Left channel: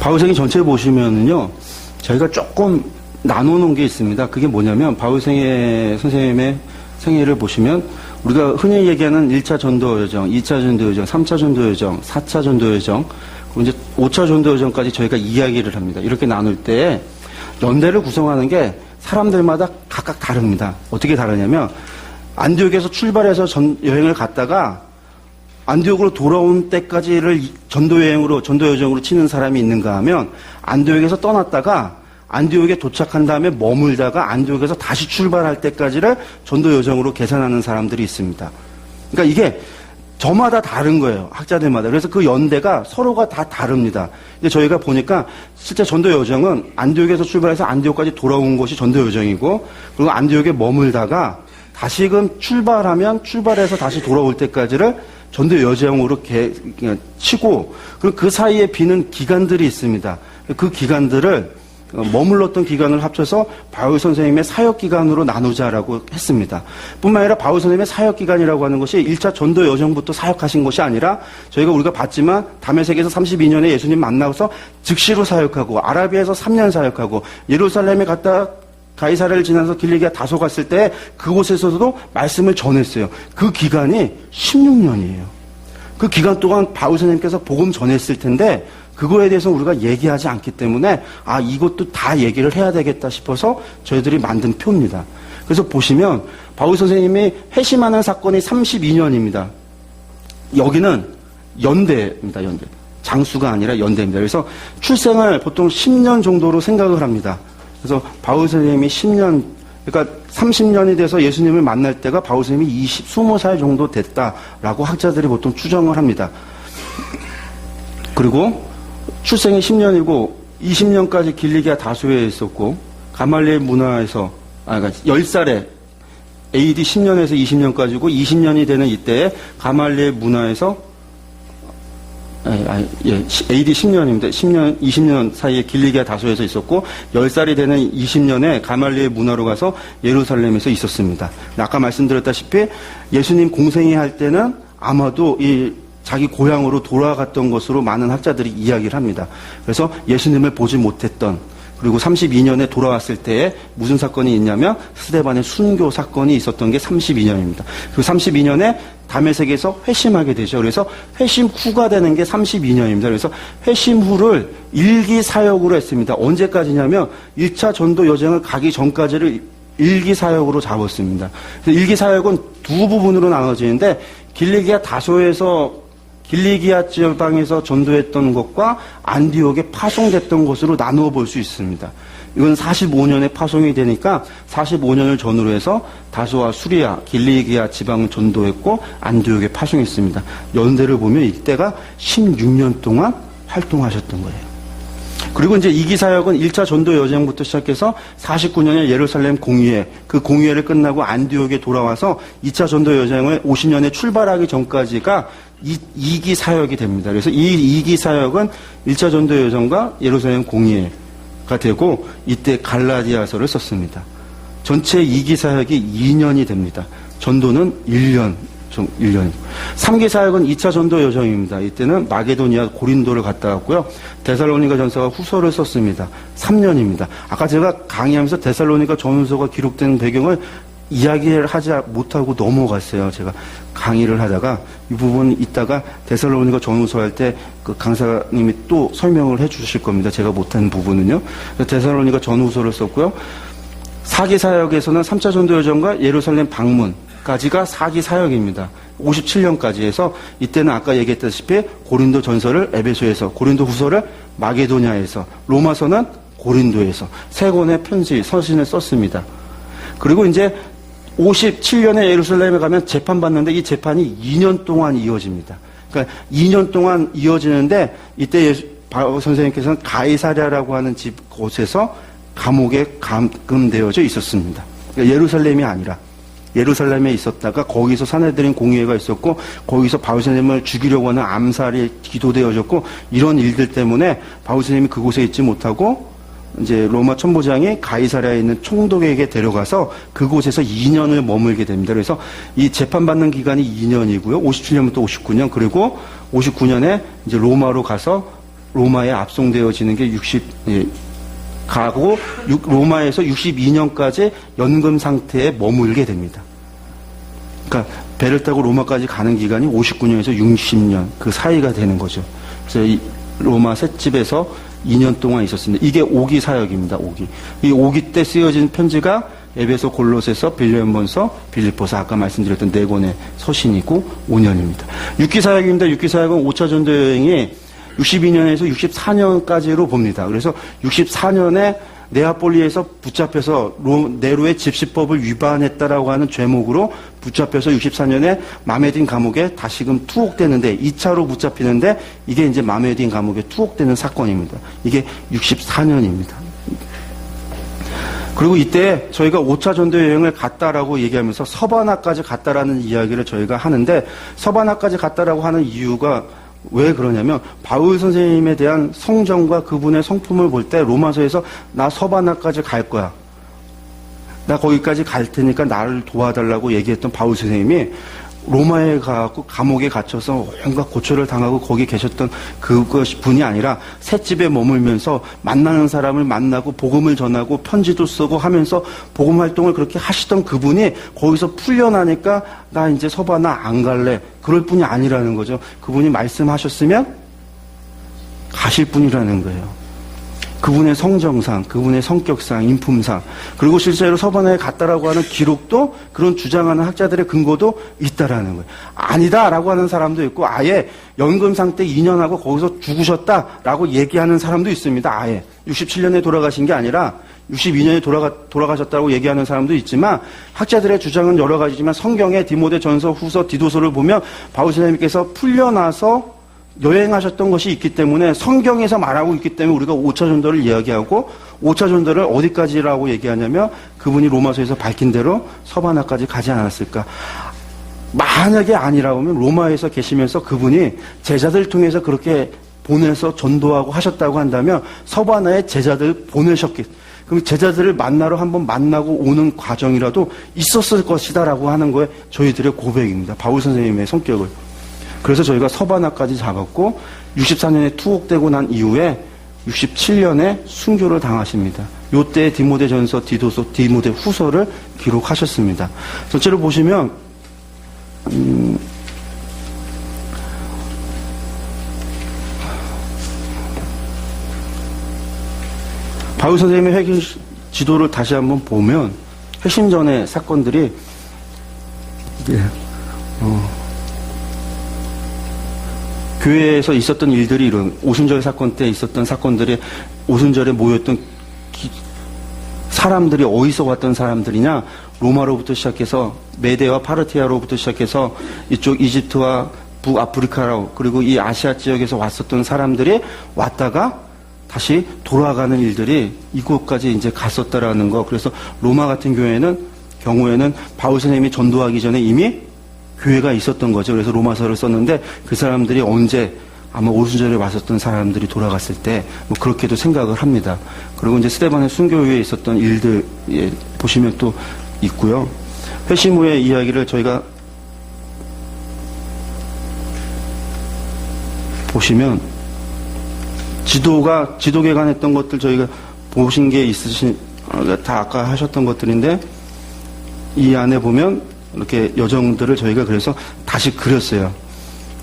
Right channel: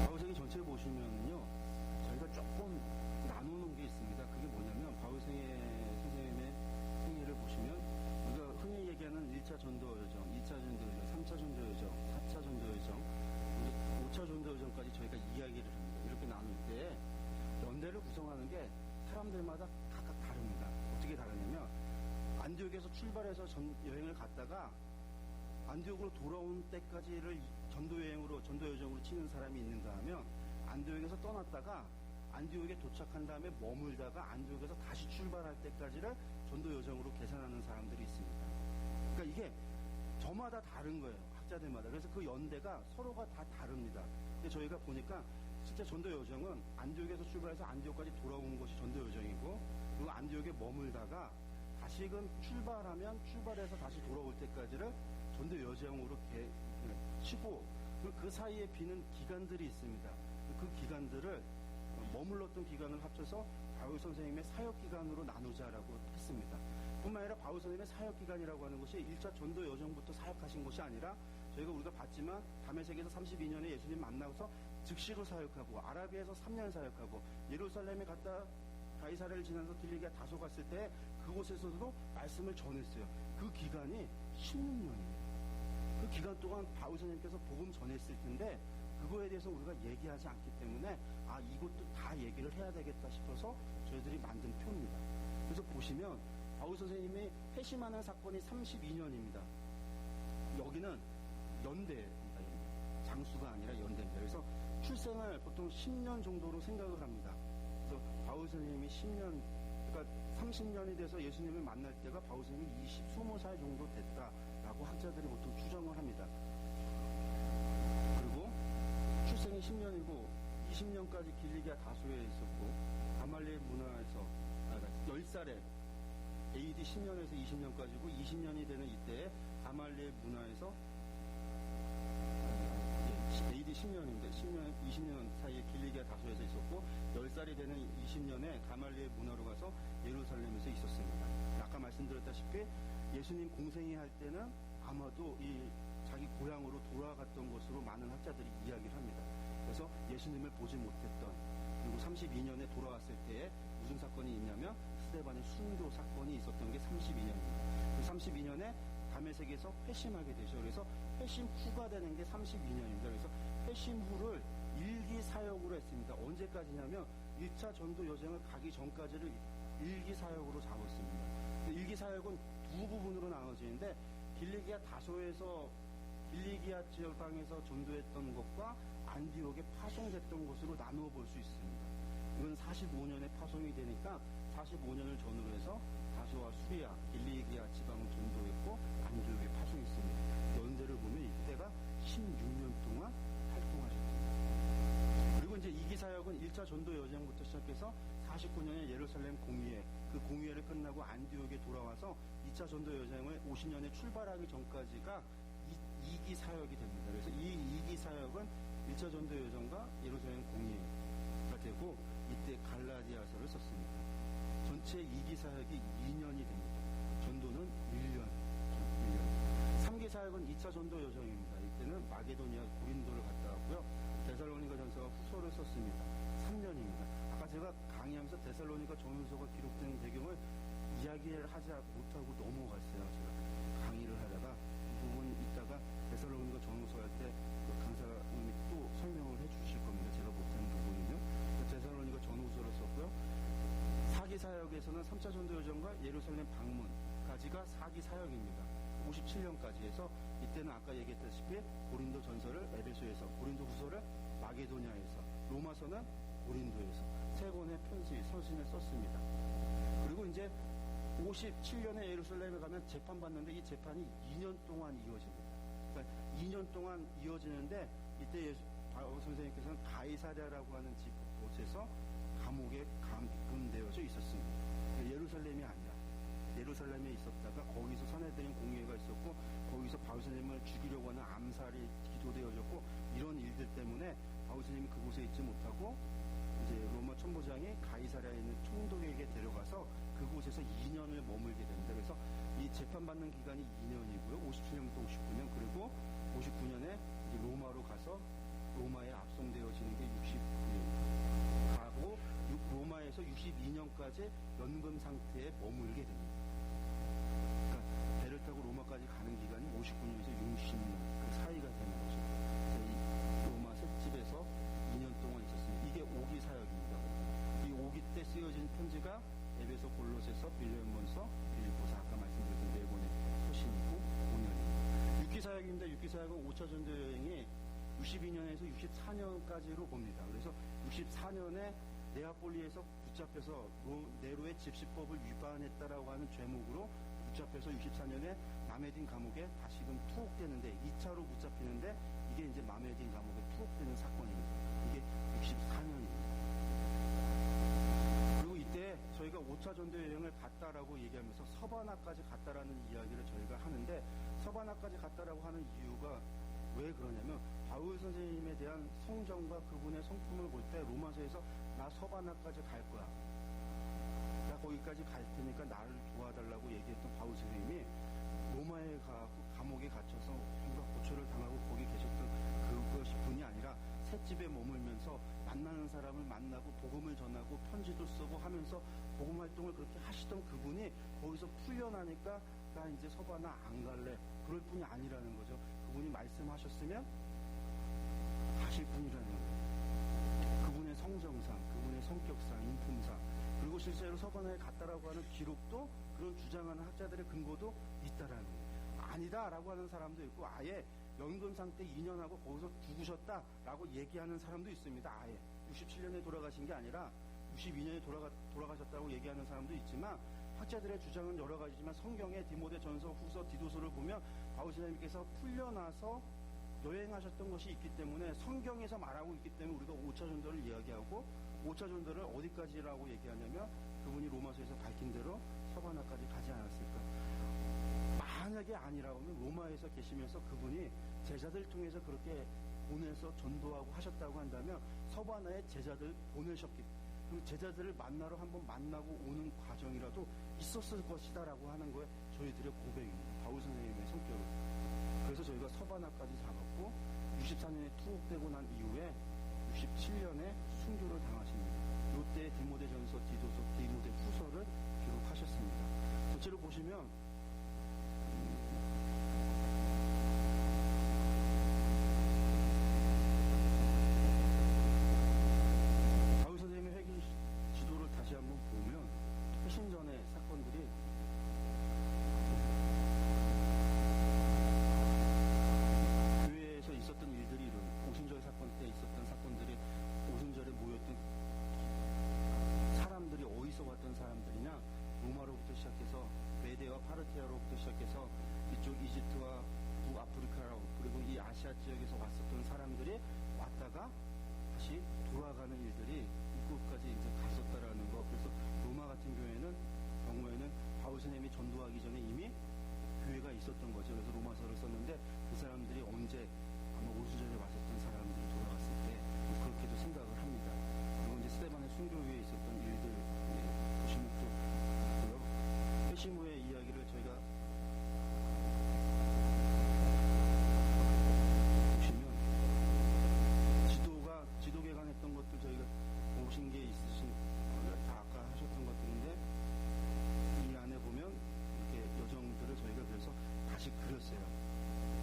바울생애 전체 보시면은요, 저희가 조금 나눠놓은 게 있습니다. 그게 뭐냐면, 바울생애 선생님의 생애를 보시면, 우리가 흔히 얘기하는 1차 전도 여정, 2차 전도 여정, 3차 전도 여정, 4차 전도 여정, 그리고 이제 5차 전도 여정까지 저희가 이야기를 합니다. 이렇게 나눌 때, 연대를 구성하는 게 사람들마다 각각 다릅니다. 어떻게 다르냐면, 안디옥에서 출발해서 여행을 갔다가, 안디옥으로 돌아온 때까지를 전도 여정으로 치는 사람이 있는가 하면, 안디옥에서 떠났다가 안디옥에 도착한 다음에 머물다가 안디옥에서 다시 출발할 때까지를 전도 여정으로 계산하는 사람들이 있습니다. 그러니까 이게 저마다 다른 거예요. 학자들마다. 그래서 그 연대가 서로가 다 다릅니다. 근데 저희가 보니까 실제 전도 여정은 안디옥에서 출발해서 안디옥까지 돌아온 것이 전도 여정이고, 그리고 안디옥에 머물다가 다시금 출발해서 다시 돌아올 때까지를 전도 여정으로 치고, 그리고 그 사이에 비는 기간들이 있습니다. 그 기간들을 머물렀던 기간을 합쳐서 바울 선생님의 사역 기간으로 나누자라고 했습니다. 뿐만 아니라 바울 선생님의 사역 기간이라고 하는 것이 1차 전도 여정부터 사역하신 것이 아니라 우리가 봤지만 다메섹에서 32년에 예수님 만나서 즉시로 사역하고, 아라비아에서 3년 사역하고, 예루살렘에 갔다 가이사랴를 지나서 길리기아 다소 갔을 때 그곳에서도 말씀을 전했어요. 그 기간이 16년이에요. 그 기간 동안 바울 선생님께서 복음 전했을 텐데, 그거에 대해서 우리가 얘기하지 않기 때문에 이것도 다 얘기를 해야 되겠다 싶어서 저희들이 만든 표입니다. 그래서 보시면 바울 선생님이 회심하는 사건이 32년입니다. 여기는 연대입니다. 연대. 장수가 아니라 연대입니다. 그래서 출생을 보통 10년 정도로 생각을 합니다. 그래서 바울 선생님이 10년, 그러니까 30년이 돼서 예수님을 만날 때가 바울 선생님이 20살 정도 됐다라고 학자들이 보통 추정을 합니다. 그리고 출생이 10년이고 20년까지 길리기아 다소에 있었고, 가말리엘 문화에서 그러니까 10살에 AD 10년에서 20년까지고 20년이 되는 이때에 가말리엘 문화에서 AD 10년입니다. 20년 사이에 길리기아 다소에서 있었고, 10살이 되는 20년에 가말리엘 문화로 가서 예루살렘에서 있었습니다. 아까 말씀드렸다시피 예수님 공생애 할 때는 아마도 자기 고향으로 돌아갔던 것으로 많은 학자들이 이야기를 합니다. 그래서 예수님을 보지 못했던, 그리고 32년에 돌아왔을 때에 무슨 사건이 있냐면 스데반의 순교 사건이 있었던 게 32년입니다. 그 32년에 다메섹에서 회심하게 되죠. 그래서 회심 후가 되는 게 32년입니다. 그래서 회심 후를 일기 사역으로 했습니다. 언제까지냐면 1차 전도 여정을 가기 전까지를 일기 사역으로 잡았습니다. 일기 사역은 두 부분으로 나눠지는데, 길리기아 다소에서 길리기아 지방에서 전도했던 것과 안디옥에 파송됐던 것으로 나누어 볼 수 있습니다. 이건 45년에 파송이 되니까 45년을 전후로 해서 다소와 수리아, 길리기아 지방을 전도했고 안디옥에 파송했습니다. 연대를 보면 이때가 16년 동안 활동하셨던 거예요. 그리고 이제 2기 사역은 1차 전도 여정부터 시작해서 49년에 예루살렘 공의회, 그 공의회를 끝나고 안디옥에 돌아와서 2차 전도 여정을 50년에 출발하기 전까지가 2기 사역이 됩니다. 그래서 이 2기 사역은 1차 전도 여정과 예루살렘 공의회가 되고, 이때 갈라디아서를 썼습니다. 전체 2기 사역이 2년이 됩니다. 전도는 1년. 3기 사역은 2차 전도 여정입니다. 이때는 마게도니아 고린도를 갔다 왔고요. 데살로니가 전서와 후서를 썼습니다. 3년입니다. 아까 제가 강의하면서 데살로니가 전서가 기록된 배경을 이야기를 하지 못하고 넘어갔어요. 제가 강의를 하다가 이 부분 이따가 데살로니가 전후서 할 때 그 강사님이 또 설명을 해 주실 겁니다. 제가 못한 부분은요. 데살로니가 전후서를 썼고요. 4기 사역에서는 3차 전도 여정과 예루살렘 방문까지가 4기 사역입니다. 57년까지 해서, 이때는 아까 얘기했다시피 고린도 전서를 에베소에서, 고린도 후서를 마게도냐에서, 로마서는 고린도에서 세 권의 편지, 서신을 썼습니다. 그리고 이제 57년에 예루살렘에 가면 재판받는데, 이 재판이 2년 동안 이어집니다. 그러니까 2년 동안 이어지는데, 이때 바울 선생님께서는 가이사랴라고 하는 곳에서 감옥에 감금되어져 있었습니다. 그러니까 예루살렘이 아니라 예루살렘에 있었다가 거기서 사내들인 공의회가 있었고, 거기서 바울 선생님을 죽이려고 하는 암살이 기도되어졌고, 이런 일들 때문에 바울 선생님이 그곳에 있지 못하고 이제 로마 천부장이 가이사랴에 있는 총독에게 데려가서 그곳에서 2년을 머물게 됩니다. 그래서 이 재판받는 기간이 2년이고요. 57년부터 59년, 그리고 59년에 이제 로마로 가서 로마에 압송되어지는 게 가고 로마에서 62년까지 연금 상태에 머물게 됩니다. 그러니까 배를 타고 로마까지 가는 기간이 59년에서 60년 그 사이가 되는 거죠. 그래서 이 로마 셋집에서 2년 동안 있었습니다. 이게 오기 사역입니다. 오기. 이 오기 때 쓰여진 편지가 에베소, 골로새서, 빌레몬서, 빌립보서 아까 말씀드렸던 네 권의 서신이고 5년입니다. 6기 사역입니다. 6기 사역은 5차 전도 여행이 62년에서 64년까지로 봅니다. 그래서 64년에 네아폴리에서 붙잡혀서 네로의 집시법을 위반했다라고 하는 죄목으로 붙잡혀서 64년에 마메딘 감옥에 다시금 투옥되는데 2차로 붙잡히는데 이게 이제 마메딘 감옥에 투옥되는 사건입니다. 이게 64년입니다. 그리고 이때 저희가 5차 전도 여행을 갔다라고 얘기하면서 서바나까지 갔다라는 이야기를 저희가 하는데 서바나까지 갔다라고 하는 이유가 왜 그러냐면 바울 선생님에 대한 성정과 그분의 성품을 볼 때 로마서에서 나 서바나까지 갈 거야. 나 거기까지 갈 테니까 나를 도와달라고 얘기했던 바울 선생님이 로마에 가고 감옥에 갇혀서 온갖 고초를 당하고 거기 계셨던 분이 아니라 셋집에 머물면서 만나는 사람을 만나고 복음을 전하고 편지도 쓰고 하면서 복음 활동을 그렇게 하시던 그분이 거기서 풀려나니까 나 이제 서바나 안 갈래. 그럴 뿐이 아니라는 거죠. 그분이 말씀하셨으면 가실 뿐이라는 거예요. 그분의 성정상, 그분의 성격상, 인품상, 그리고 실제로 서바나에 갔다라고 하는 기록도 그런 주장하는 학자들의 근거도 있다라는 거예요. 아니다라고 하는 사람도 있고 아예 연금 상태 2년하고 거기서 죽으셨다라고 얘기하는 사람도 있습니다. 아예 67년에 돌아가신 게 아니라 62년에 돌아가셨다고 얘기하는 사람도 있지만 학자들의 주장은 여러 가지지만 성경의 디모데 전서, 후서, 디도서를 보면 바울 선생님께서 풀려나서 여행하셨던 것이 있기 때문에 성경에서 말하고 있기 때문에 우리가 5차 전도를 이야기하고 5차 전도를 어디까지라고 얘기하냐면 그분이 로마서에서 밝힌 대로 서바나까지 가지 않았을까. 만약에 아니라고 하면 로마에서 계시면서 그분이 제자들 통해서 그렇게 보내서 전도하고 하셨다고 한다면 서바나에 제자들 보내셨겠. 그럼 제자들을 만나러 한번 만나고 오는 과정이라도 있었을 것이다라고 하는 거에 저희들의 고백입니다. 바울 선생님의 성격을. 그래서 저희가 서바나까지 잡았고 64년에 투옥되고 난 이후에 67년에 순교를 당하십니다. 요때 디모데 전서, 디도서, 디모데 후서를 기록하셨습니다. 전체로 보시면 바울 선생님의 회개 지도를 다시 한번 보면 회심 전의 사건들이 교회에서 있었던 일들이 이런 오순절 사건 때 있었던 사건들이 오순절에 모였던 사람들이 어디서 왔던 사람들이냐 로마로부터 시작해서 메데와 파르티아로부터 시작해서 이쪽 이집트와 북아프리카로 그리고 이 아시아 지역에서 왔었던 사람들이 왔다가 다시 돌아가는 일들이 이곳까지 이제 갔었다라는 거. 그래서 로마 같은 경우에는 바울 선생님이 전도하기 전에 이미 교회가 있었던 거죠. 그래서 로마서를 썼는데 그 사람들이 언제 아마 오순절에 왔었던 사람들이 돌아갔을 때 뭐 그렇게도 생각을 합니다. 그리고 이제 스데반의 순교 후에 있었던 일들 보시면 또 있고요. 회심 후의 이야기를 저희가 보시면 지도개관했던 것들 저희가 보신 게 있으신 다 아까 하셨던 것들인데 이 안에 보면 이렇게 여정들을 저희가 그래서 다시 그렸어요.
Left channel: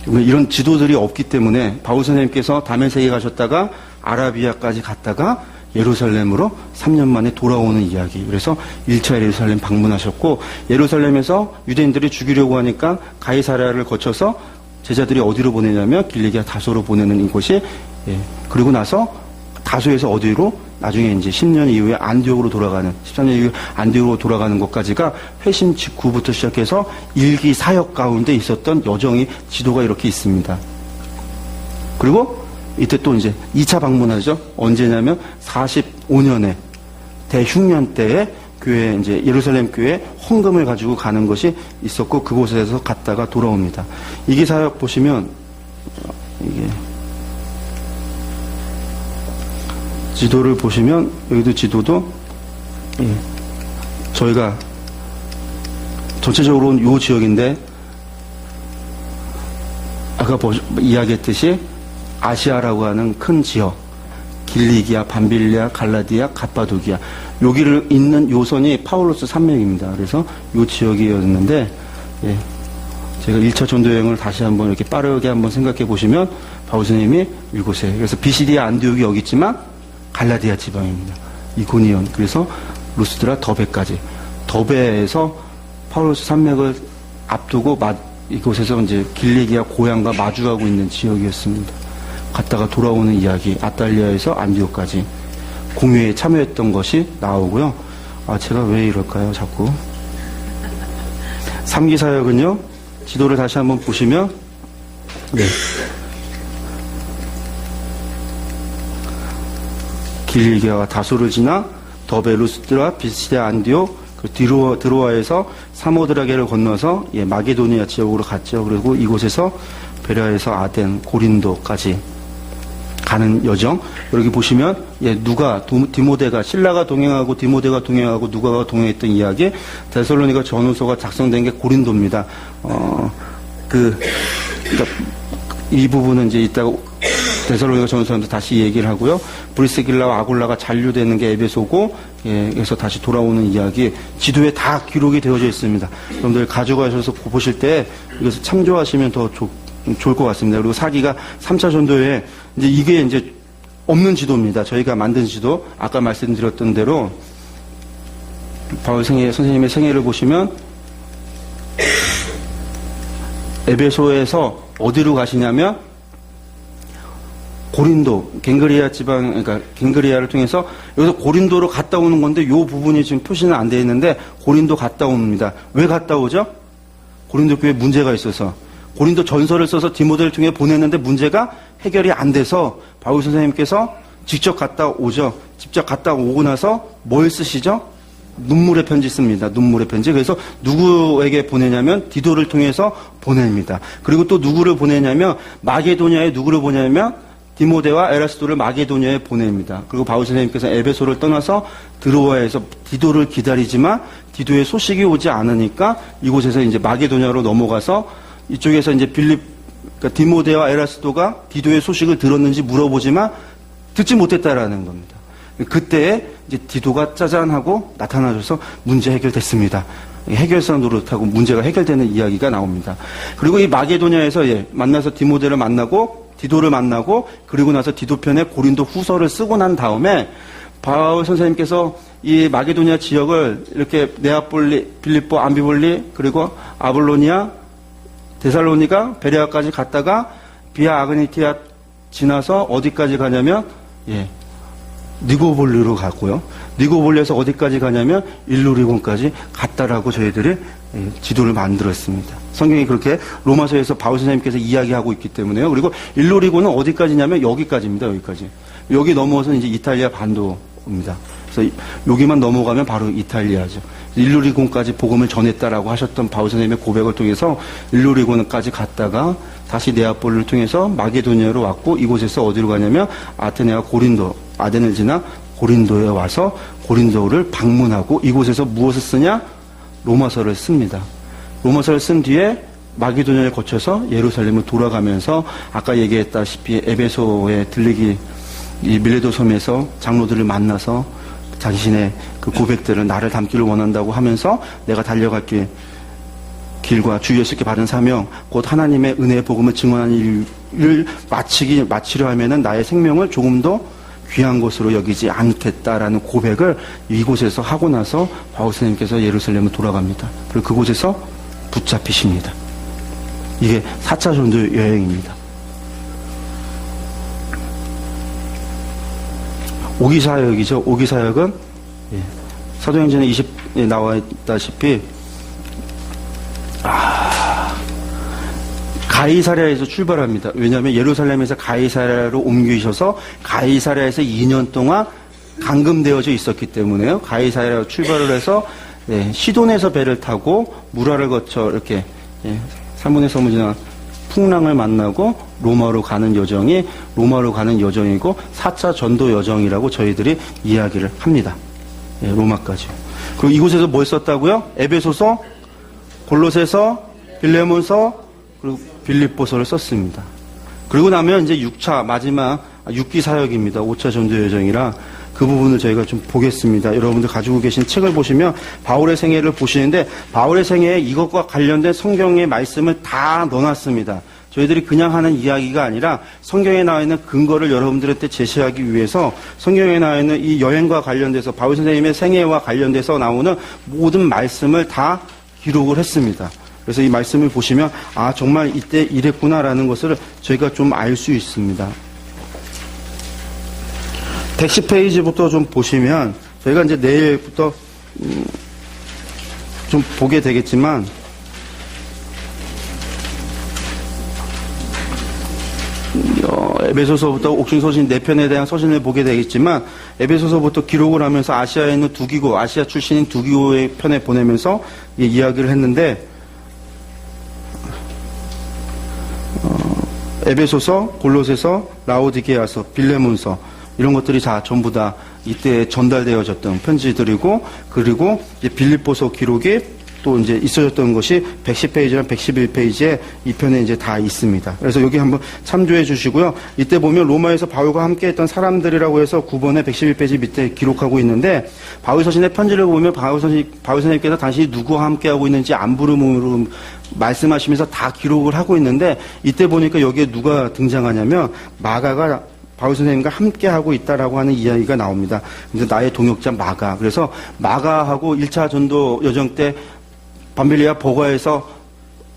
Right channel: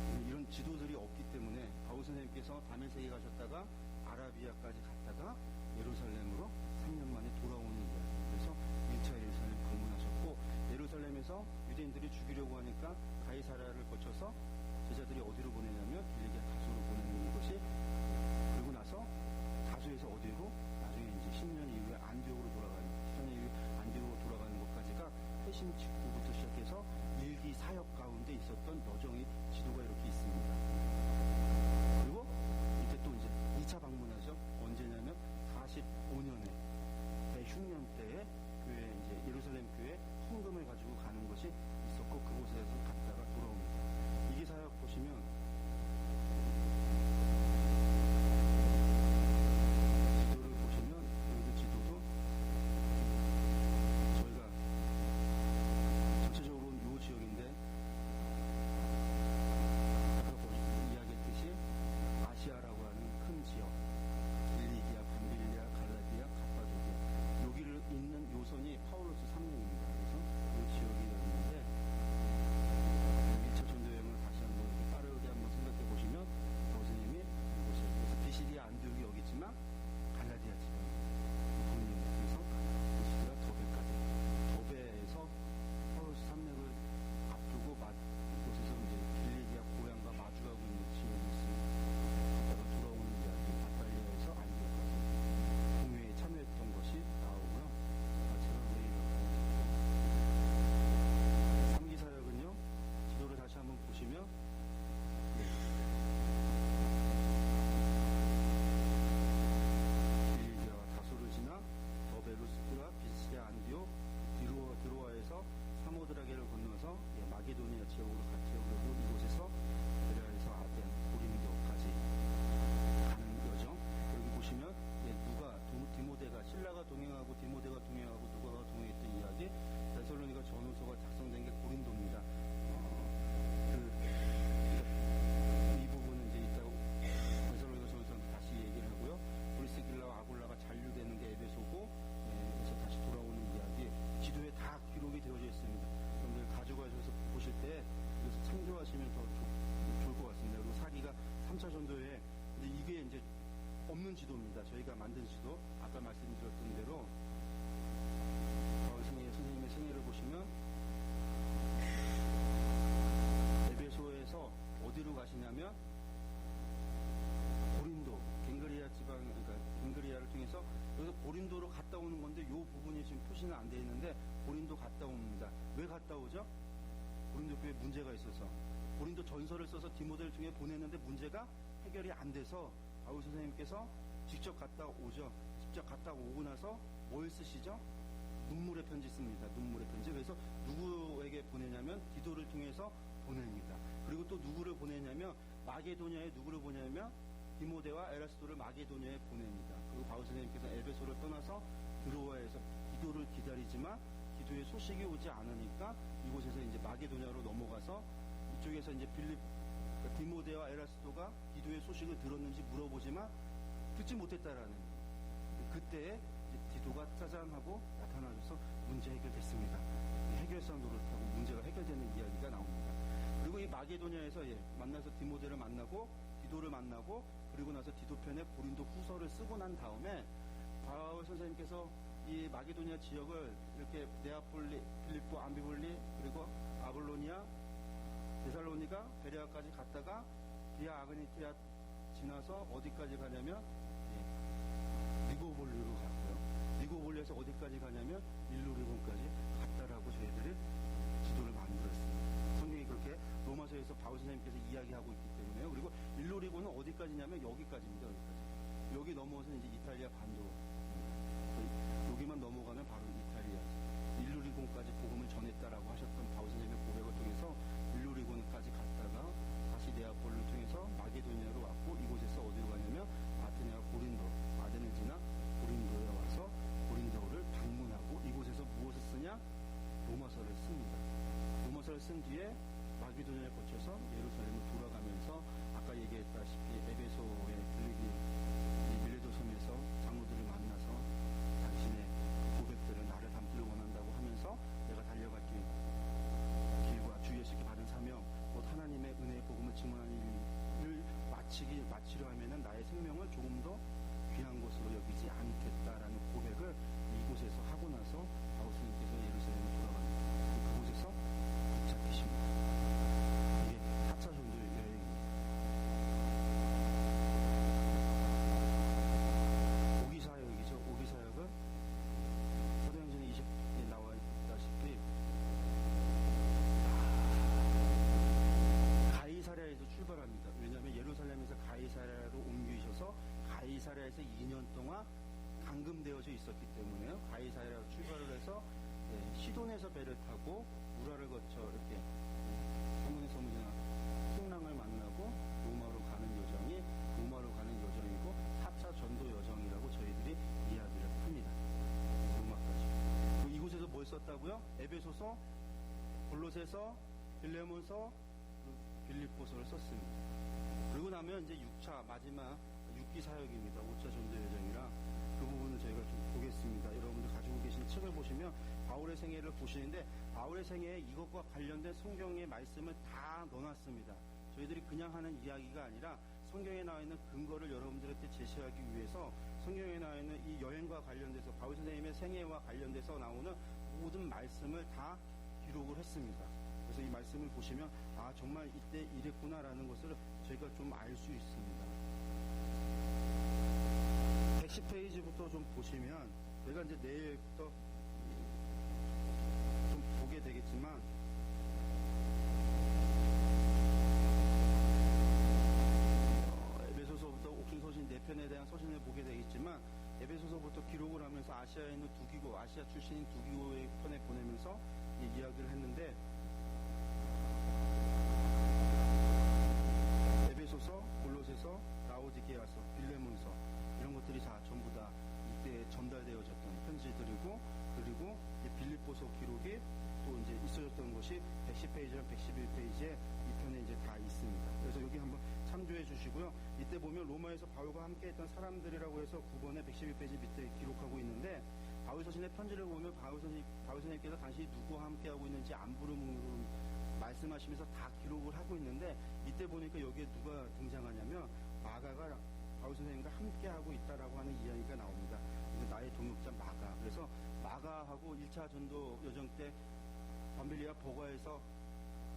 이런 지도들이 없기 때문에 바울 선생님께서 다메섹에 가셨다가 아라비아까지 갔다가 예루살렘으로 3년 만에 돌아오는 이야기. 그래서 1차 예루살렘 방문하셨고 예루살렘에서 유대인들이 죽이려고 하니까 가이사랴를 거쳐서 제자들이 어디로 보내냐면 길리기아 다소로 보내는 이곳이 그리고 나서 다소에서 어디로 나중에 이제 10년 이후에 안디옥으로 돌아가는 13년 이후에 안디옥으로 돌아가는 것까지가 회심 직후부터 시작해서 일기 사역 가운데 있었던 여정이 지도가 이렇게 있습니다. 그리고 이때 또 이제 2차 방문하죠. 언제냐면 45년에 대흉년 때에 교회 이제 예루살렘 교회 헌금을 가지고 가는 것이 있었고 그곳에서 갔다가 돌아옵니다. 이기 사역 보시면 이게 지도를 보시면 여기도 지도도 저희가 전체적으로는 이 지역인데 아까 이야기했듯이 아시아라고 하는 큰 지역, 길리기아, 밤빌리아, 갈라디아, 갑바도기아, 여기를 잇는 요선이 파울로스 산맥입니다. 그래서 요 지역이었는데, 예, 제가 1차 전도 여행을 다시 한번 이렇게 빠르게 한번 생각해 보시면 바울 스님이 이곳에, 그래서 비시디아 안디옥이 여기 있지만 갈라디아 지방입니다. 이고니온, 그래서 루스드라, 더베까지, 더베에서 파울로스 산맥을 앞두고 이곳에서 이제 길리기아 고향과 마주하고 있는 지역이었습니다. 갔다가 돌아오는 이야기, 아탈리아에서 안디옥까지 공유에 참여했던 것이 나오고요. 아, 제가 왜 이럴까요, 자꾸. 3기 사역은요, 지도를 다시 한번 보시면, 네. 길리기아와 다소를 지나 더베, 루스드라, 비시디아, 안디옥, 그 드로아에서 사모드라게를 건너서 예, 마게도니아 지역으로 갔죠. 그리고 이곳에서 베레아에서 아덴, 고린도까지 가는 여정. 여기 보시면 예, 디모데가, 신라가 동행하고 디모데가 동행하고 누가가 동행했던 이야기, 데살로니가 전후서가 작성된 게 고린도입니다. 그러니까 이 부분은 이제 이따가 데살로니가 전후서에서 다시 얘기를 하고요. 브리스길라와 아굴라가 잔류되는 게 에베소고, 예, 그래서 다시 돌아오는 이야기, 지도에 다 기록이 되어져 있습니다. 여러분들 가져가셔서 보실 때 이것을 참조하시면 더 좋을 것 같습니다. 그리고 4기가 3차 전도에 이제 이게 이제 없는 지도입니다. 저희가 만든 지도, 아까 말씀드렸던 대로 바울 선생님의 생애를 보시면 에베소에서 어디로 가시냐면 고린도, 갱그리아 지방, 그러니까 갱그리아를 통해서 여기서 고린도로 갔다 오는 건데 이 부분이 지금 표시는 안 되어 있는데 고린도 갔다 옵니다. 왜 갔다 오죠? 고린도 교회에 문제가 있어서 고린도 전서를 써서 디모데를 통해 보냈는데 문제가 해결이 안 돼서 바울 선생님께서 직접 갔다 오죠. 직접 갔다 오고 나서 뭘 쓰시죠? 눈물의 편지 씁니다. 눈물의 편지. 그래서 누구에게 보내냐면 디도를 통해서 보냅니다. 그리고 또 누구를 보내냐면 마게도냐에 누구를 보내냐면 디모데와 에라스도를 마게도냐에 보냅니다. 그리고 바울 선생님께서 에베소를 떠나서 드로아에서 디도를 기다리지만 디도의 소식이 오지 않으니까 이곳에서 이제 마게도냐로 넘어가서 이쪽에서 이제 그러니까 디모데와 에라스도가 디도의 소식을 들었는지 물어보지만 듣지 못했다라는 겁니다. 그때 이제 디도가 짜잔하고 나타나줘서 문제 해결됐습니다. 해결사 노릇하고 문제가 해결되는 이야기가 나옵니다. 그리고 이 마게도냐에서 만나서 디모데를 만나고 디도를 만나고 그리고 나서 디도편에 고린도 후서를 쓰고 난 다음에 바울 선생님께서 이 마게도냐 지역을 이렇게 네아폴리, 빌립보, 암비볼리 그리고 아볼로니아, 데살로니가, 베레아까지 갔다가 비아 아그니티아 지나서 어디까지 가냐면 니고볼리로 갔고요. 니고볼리에서 어디까지 가냐면 일루리곤까지 갔다라고 저희들이 지도를 만들었습니다. 성경이 그렇게 로마서에서 바울 선생님께서 이야기하고 있기 때문에요. 그리고 일루리곤은 어디까지냐면 여기까지입니다. 여기까지. 여기 넘어서 이제 이탈리아 반도입니다. 그래서 여기만 넘어가면 바로 이탈리아죠. 일루리곤까지 복음을 전했다라고 하셨던 바울 선생님의 고백을 통해서 일루리곤까지 갔다가 다시 네아폴리를 통해서 마게도니아로 왔고 이곳에서 어디로 가냐면 아테네와 고린도, 아덴을 지나 고린도에 와서 고린도를 방문하고 이곳에서 무엇을 쓰냐? 로마서를 씁니다. 로마서를 쓴 뒤에 마게도니아를 거쳐서 예루살렘을 돌아가면서 아까 얘기했다시피 에베소에 들리기 이 밀레도 섬에서 장로들을 만나서 자신의 그 고백들을 나를 담기를 원한다고 하면서 내가 달려갈 길과 주 예수께 받은 사명 곧 하나님의 은혜의 복음을 증언하는 일을 마치려 하면은 나의 생명을 조금 더 귀한 것으로 여기지 않겠다라는 고백을 이곳에서 하고 나서 바울 선생님께서 예루살렘을 돌아갑니다. 그리고 그곳에서 붙잡히십니다. 이게 4차 전도 여행입니다. 5기 사역이죠. 5기 사역은 사도행전에 20에 나와 있다시피 가이사랴에서 출발합니다. 왜냐하면 예루살렘에서 가이사랴로 옮기셔서 가이사랴에서 2년 동안 감금되어져 있었기 때문에요. 가이사랴로 출발을 해서 시돈에서 배를 타고 무라를 거쳐 이렇게 살몬의 섬을 지나 풍랑을 만나고 로마로 가는 여정이 로마로 가는 여정이고 4차 전도 여정이라고 저희들이 이야기를 합니다. 로마까지. 그리고 이곳에서 뭘 썼다고요? 에베소서, 골로새서, 빌레몬서, 그리고 빌립보서를 썼습니다. 그리고 나면 이제 6차 마지막 6기 사역입니다. 5차 전도 여정이라 그 부분을 저희가 좀 보겠습니다. 여러분들 가지고 계신 책을 보시면 바울의 생애를 보시는데 바울의 생애에 이것과 관련된 성경의 말씀을 다 넣어놨습니다. 저희들이 그냥 하는 이야기가 아니라 성경에 나와 있는 근거를 여러분들한테 제시하기 위해서 성경에 나와 있는 이 여행과 관련돼서 바울 선생님의 생애와 관련돼서 나오는 모든 말씀을 다 기록을 했습니다. 그래서 이 말씀을 보시면 아 정말 이때 이랬구나라는 것을 저희가 좀 알 수 있습니다. 110페이지부터 좀 보시면 저희가 이제 내일부터 좀 보게 되겠지만 에베소서부터 옥중서신 4편에 대한 서신을 보게 되겠지만 에베소서부터 기록을 하면서 아시아에 있는 두 기고 아시아 출신인 두 기고의 편에 보내면서 이야기를 했는데 에베소서, 골로새서, 라오디게아서, 빌레몬서 이런 것들이 다 전부 다 이때 전달되어졌던 편지들이고 그리고 이제 빌립보서 기록이 또 이제 있어졌던 것이 110페이지랑 111페이지에 이 편에 이제 다 있습니다. 그래서 여기 한번 참조해 주시고요. 이때 보면 로마에서 바울과 함께 했던 사람들이라고 해서 9번에 111페이지 밑에 기록하고 있는데 바울 서신의 편지를 보면 바울 선생님께서 당신이 누구와 함께 하고 있는지 안부름으로 말씀하시면서 다 기록을 하고 있는데 이때 보니까 여기에 누가 등장하냐면 마가가 바울 선생님과 함께 하고 있다라고 하는 이야기가 나옵니다. 근데 나의 동역자 마가. 그래서 마가하고 1차 전도 여정 때 밤빌리아 버가에서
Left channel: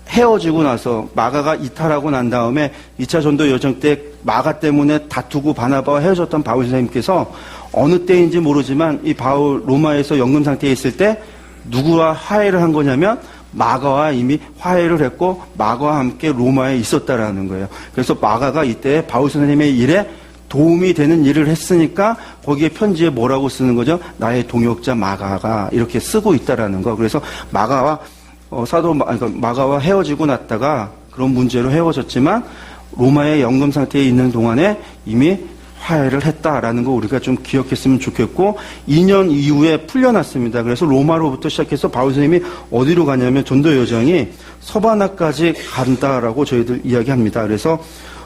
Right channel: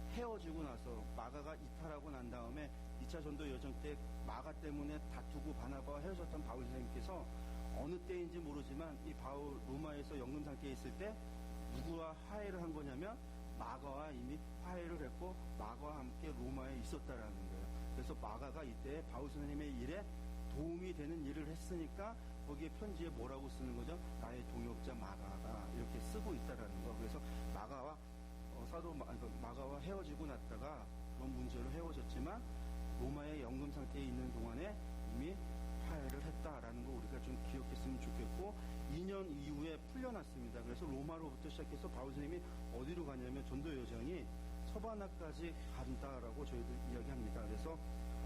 헤어지고 나서 마가가 이탈하고 난 다음에 2차 전도 여정 때 마가 때문에 다투고 바나바와 헤어졌던 바울 선생님께서 어느 때인지 모르지만 이 바울 로마에서 연금 상태에 있을 때 누구와 화해를 한 거냐면 마가와 이미 화해를 했고 마가와 함께 로마에 있었다라는 거예요. 그래서 마가가 이때 바울 선생님의 일에 도움이 되는 일을 했으니까 거기에 편지에 뭐라고 쓰는 거죠? 나의 동역자 마가가 이렇게 쓰고 있다라는 거. 그래서 마가와 마가와 헤어지고 났다가 그런 문제로 헤어졌지만 로마의 연금 상태에 있는 동안에 이미 화해를 했다라는 거 우리가 좀 기억했으면 좋겠고 2년 이후에 풀려났습니다. 그래서 로마로부터 시작해서 바울 선생님이 어디로 가냐면 전도 여정이 서바나까지 간다라고 저희들 이야기합니다. 그래서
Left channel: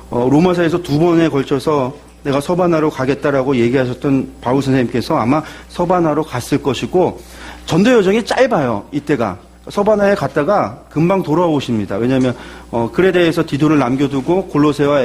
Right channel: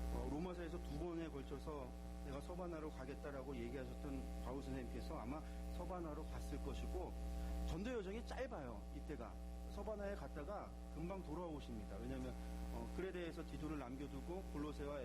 로마사에서 2번에 걸쳐서 내가 서바나로 가겠다라고 얘기하셨던 바울 선생님께서 아마 서바나로 갔을 것이고 전도 여정이 짧아요. 이때가 서바나에 갔다가 금방 돌아오십니다. 왜냐하면 크레데에서 디도를 남겨두고 골로새와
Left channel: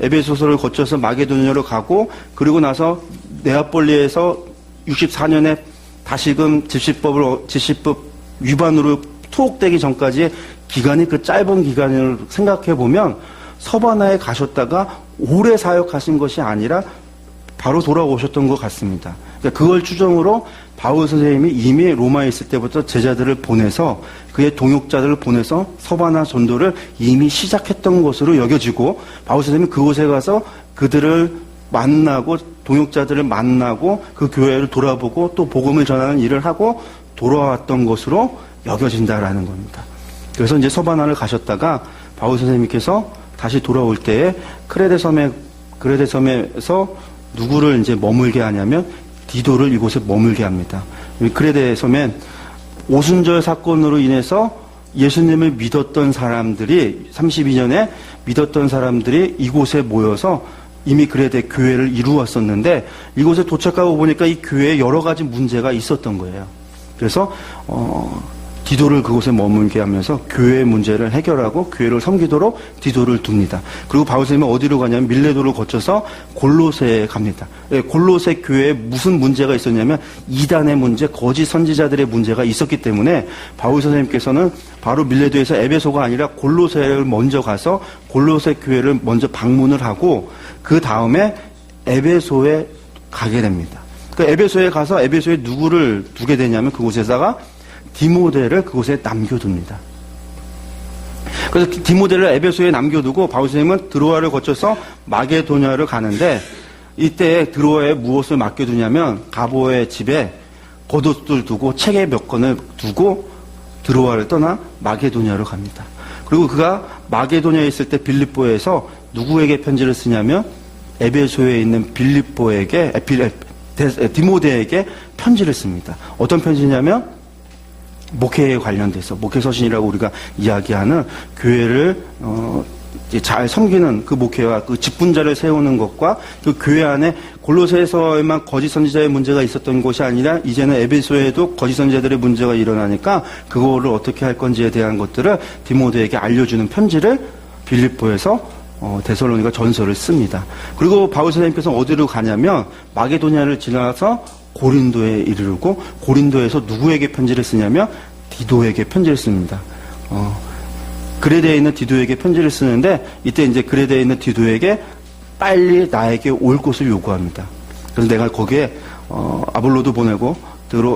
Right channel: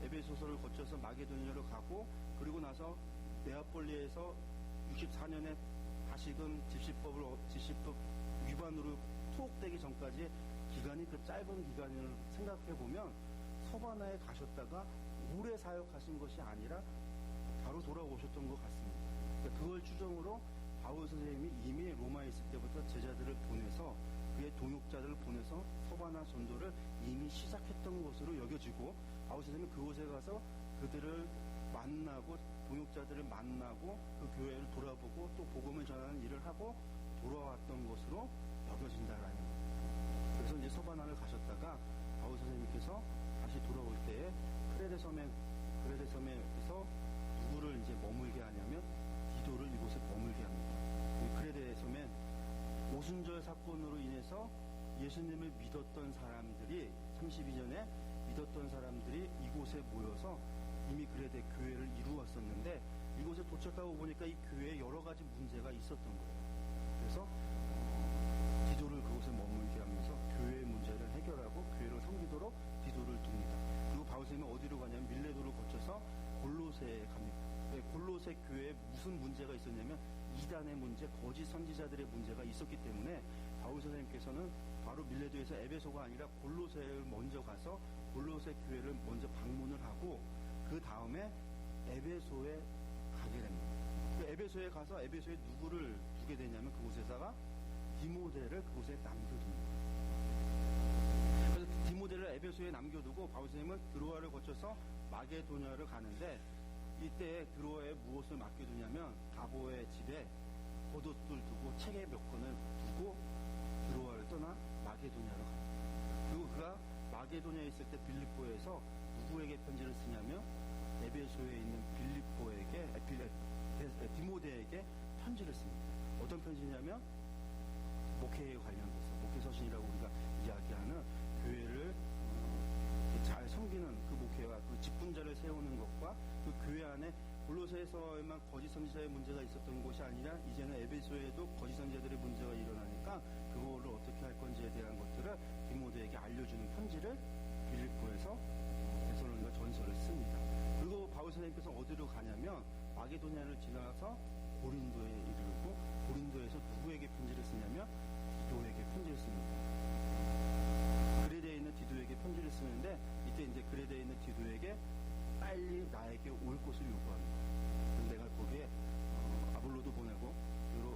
에베소서를 거쳐서 마게도니아로 가고 그리고 나서 네아폴리에서 64년에 다시금 집시법 위반으로 투옥되기 전까지의 기간이 그 짧은 기간을 생각해 보면 서바나에 가셨다가 오래 사역하신 것이 아니라 바로 돌아오셨던 것 같습니다. 그러니까 그걸 추정으로 바울 선생님이 이미 로마에 있을 때부터 제자들을 보내서 그의 동역자들을 보내서 서바나 전도를 이미 시작했던 것으로 여겨지고 바울 선생님이 그곳에 가서 그들을 만나고 동역자들을 만나고 그 교회를 돌아보고 또 복음을 전하는 일을 하고 돌아왔던 것으로 여겨진다라는 겁니다. 그래서 이제 서바나를 가셨다가 바울 선생님께서 다시 돌아올 때에 크레데 섬에서 누구를 이제 머물게 하냐면 디도를 이곳에 머물게 합니다. 크레데 섬엔 오순절 사건으로 인해서 예수님을 믿었던 사람들이 32년에 믿었던 사람들이 이곳에 모여서 이미 크레데 교회를 이루었었는데 이곳에 도착하고 보니까 이 교회에 여러 가지 문제가 있었던 거예요. 그래서 디도를 그곳에 머물게 하면서 교회의 문제를 해결하고 교회를 섬기도록 디도를 둡니다. 그리고 바울 선생님은 어디로 가냐면 밀레도를 거쳐서 골로새에 갑니다. 골로새 교회에 무슨 문제가 있었냐면 이단의 문제, 거짓 선지자들의 문제가 있었기 때문에 바울 선생님께서는 바로 밀레도에서 에베소가 아니라 골로새를 먼저 가서 골로새 교회를 먼저 방문을 하고 그 다음에 에베소에 가게 됩니다. 그 에베소에 가서 에베소에 누구를 두게 되냐면 그곳에다가 디모데를 그곳에 남겨둡니다. 그래서 디모데를 에베소에 남겨두고 바울 선생님은 드로아를 거쳐서 마게도냐를 가는데 이때 드로아에 무엇을 맡겨두냐면 가보의 집에 겉옷들 두고 책에 몇 권을 두고 드로아를 떠나 마게도냐로 갑니다. 그리고 그가 마게도냐에 있을 때 빌립보에서 누구에게 편지를 쓰냐면 에베소에 있는 디모데에게 편지를 씁니다. 어떤 편지냐면 목회에 관련돼서 목회 서신이라고 우리가 이야기하는 교회를 이제 잘 섬기는 그 목회와 그 직분자를 세우는 것과 그 교회 안에 골로새에서에만 거짓 선지자의 문제가 있었던 것이 아니라 이제는 에베소에도 거짓 선지자들의 문제가 일어나니까 그거를 어떻게 할 건지에 대한 것들을 디모데에게 알려주는 편지를 빌립보에서 데살로니가 전서를 씁니다. 그리고 바울 선생님께서 어디로 가냐면 마게도냐를 지나서 고린도에 이르르고 고린도에서 누구에게 편지를 쓰냐면 디도에게 편지를 씁니다. 그레데에 있는 디도에게 편지를 쓰는데 이때 이제 그레데에 있는 디도에게 빨리 나에게 올 것을 요구합니다. 그래서 내가 거기에 아볼로도 보내고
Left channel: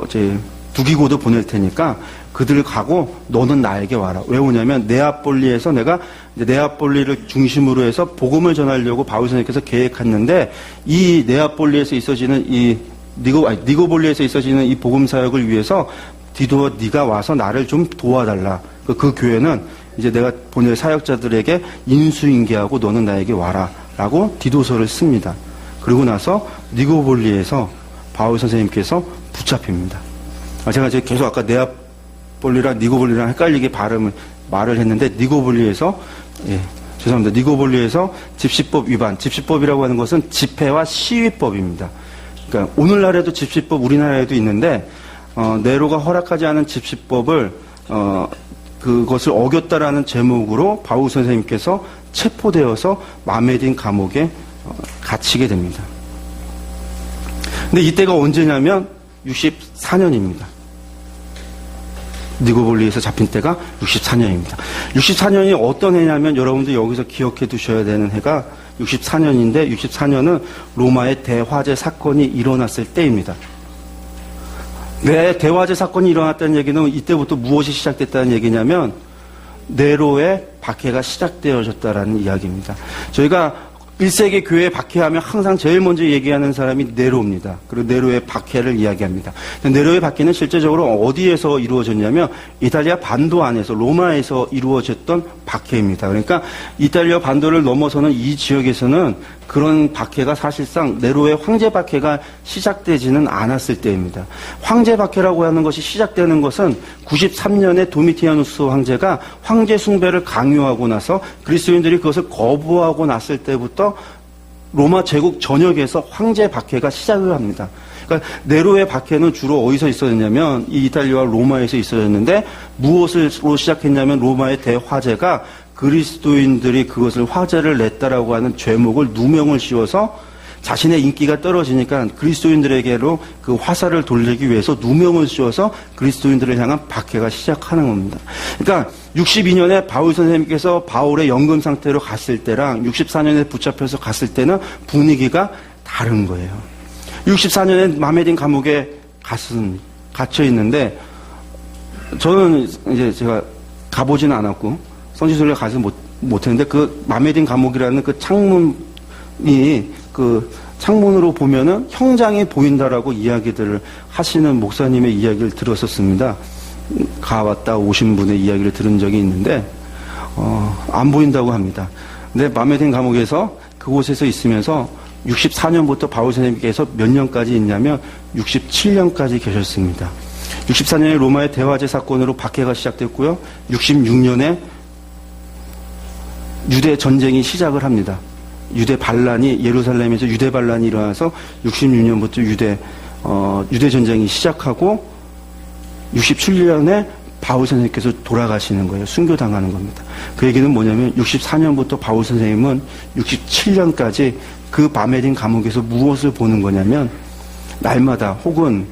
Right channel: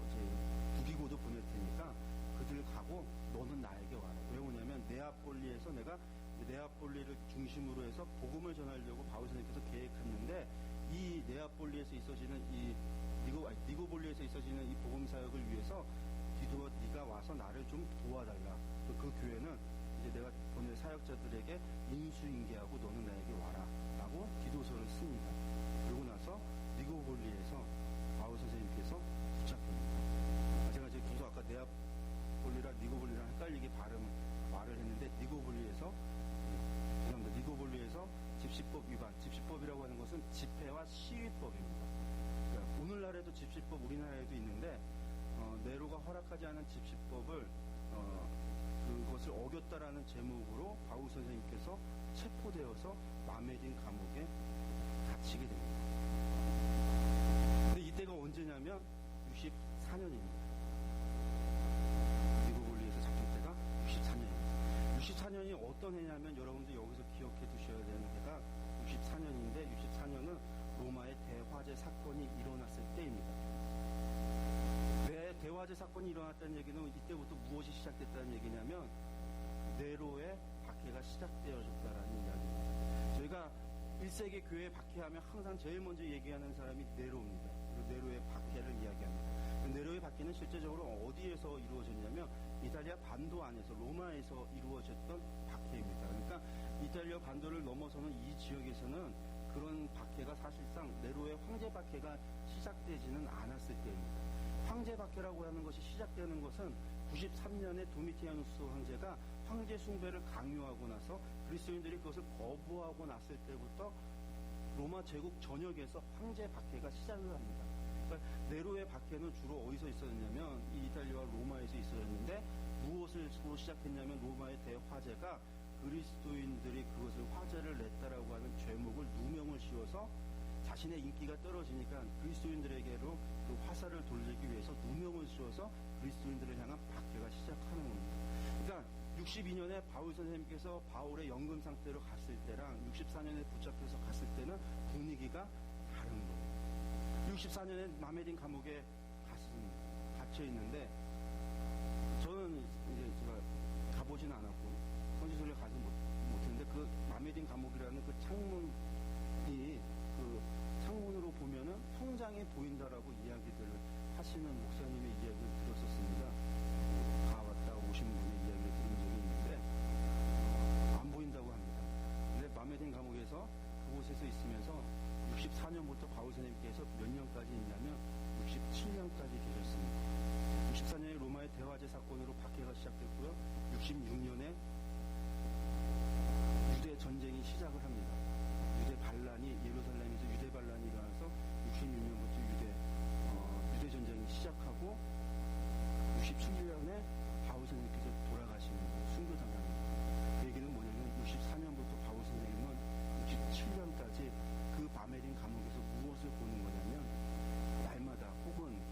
이제 두기고도 보낼 테니까 그들 가고 너는 나에게 와라. 왜 오냐면 네아폴리에서 내가 네아폴리를 중심으로 해서 복음을 전하려고 바울 선생님께서 계획했는데 이 네아폴리에서 있어지는 이 니고볼리에서 있어지는 이 복음 사역을 위해서 디도와 네가 와서 나를 좀 도와달라. 그 교회는 이제 내가 보낼 사역자들에게 인수인계하고 너는 나에게 와라 라고 디도서를 씁니다. 그리고 나서 니고볼리에서 바울 선생님께서 붙잡힙니다. 제가 계속 아까 네아폴리랑 니고볼리랑 헷갈리게 말을 했는데 니고볼리에서 죄송합니다. 니고볼리에서 집시법 위반, 집시법이라고 하는 것은 집회와 시위법입니다. 그러니까 오늘날에도 집시법 우리나라에도 있는데 네로가 허락하지 않은 집시법을 그것을 어겼다라는 제목으로 바울 선생님께서 체포되어서 마메딘 감옥에 갇히게 됩니다. 근데 이때가 언제냐면 64년입니다. 니고볼리에서 잡힌 때가 64년입니다. 64년이 어떤 해냐면 여러분들 여기서 기억해 두셔야 되는 해가 64년인데 64년은 로마의 대화재 사건이 일어났을 때입니다. 왜 대화재 사건이 일어났다는 얘기는 이때부터 무엇이 시작됐다는 얘기냐면 네로의 박해가 시작되어졌다라는 이야기입니다. 저희가 1세기 교회 박해하면 항상 제일 먼저 얘기하는 사람이 네로입니다. 그리고 네로의 박해를 이야기합니다. 네로의 박해는 실제적으로 어디에서 이루어졌냐면 이탈리아 반도 안에서 로마에서 이루어졌던 박해입니다. 그러니까 이탈리아 반도를 넘어서는 이 지역에서는 그런 박해가 사실상 네로의 황제 박해가 시작되지는 않았을 때입니다. 황제 박해라고 하는 것이 시작되는 것은 93년에 도미티아누스 황제가 황제 숭배를 강요하고 나서 그리스도인들이 그것을 거부하고 났을 때부터 로마 제국 전역에서 황제 박해가 시작을 합니다. 그러니까 네로의 박해는 주로 어디서 있었냐면 이 이탈리아와 로마에서 있어졌는데 무엇으로 시작했냐면 로마의 대화제가 그리스도인들이 그것을 화제를 냈다라고 하는 죄목을 누명을 씌워서 자신의 인기가 떨어지니까 그리스도인들에게로 그 화살을 돌리기 위해서 누명을 씌워서 그리스도인들을 향한 박해가 시작하는 겁니다. 그러니까 62년에 바울 선생님께서 바울의 연금 상태로 갔을 때랑 64년에 붙잡혀서 갔을 때는 분위기가 다른 거예요. 64년에 마메딘 감옥에 갇혀 있는데 저는 이제 제가 가보지는 않았고 성지순례 가서 못했는데 그 마메딘 감옥이라는 그 창문이 그 창문으로 보면은 형장이 보인다라고 이야기들을 하시는 목사님의 이야기를 들었었습니다. 가왔다 오신 분의 이야기를 들은 적이 있는데 안 보인다고 합니다. 근데 마메딘 감옥에서 그곳에서 있으면서 64년부터 바울 선생님께서 몇 년까지 있냐면 67년까지 계셨습니다. 64년에 로마의 대화제 사건으로 박해가 시작됐고요. 66년에 유대 전쟁이 시작을 합니다. 유대 반란이 예루살렘에서 유대 반란이 일어나서 66년부터 유대 전쟁이 시작하고 67년에 바울 선생님께서 돌아가시는 거예요. 순교당하는 겁니다. 그 얘기는 뭐냐면 64년부터 바울 선생님은 67년까지 그 마메딘 감옥에서 무엇을 보는 거냐면 날마다 혹은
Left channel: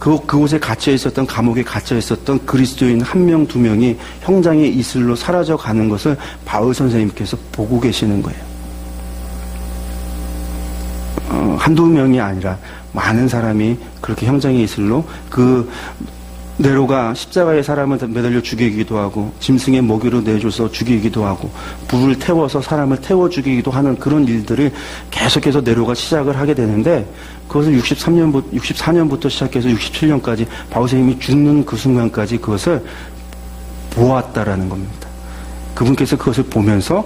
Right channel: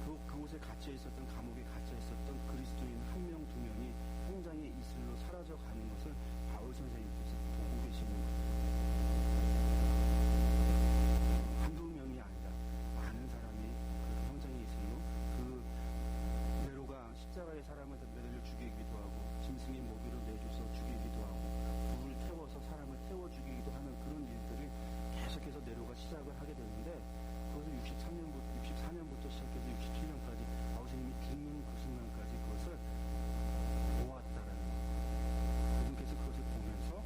그곳에 갇혀 있었던 감옥에 갇혀 있었던 그리스도인 한 명, 두 명이 형장의 이슬로 사라져 가는 것을 바울 선생님께서 보고 계시는 거예요. 한두 명이 아니라 많은 사람이 그렇게 형장의 이슬로 그 네로가 십자가에 사람을 매달려 죽이기도 하고 짐승의 먹이로 내줘서 죽이기도 하고 불을 태워서 사람을 태워 죽이기도 하는 그런 일들을 계속해서 네로가 시작을 하게 되는데 그것을 64년부터 시작해서 67년까지 바울 선생님이 죽는 그 순간까지 그것을 보았다라는 겁니다. 그분께서 그것을 보면서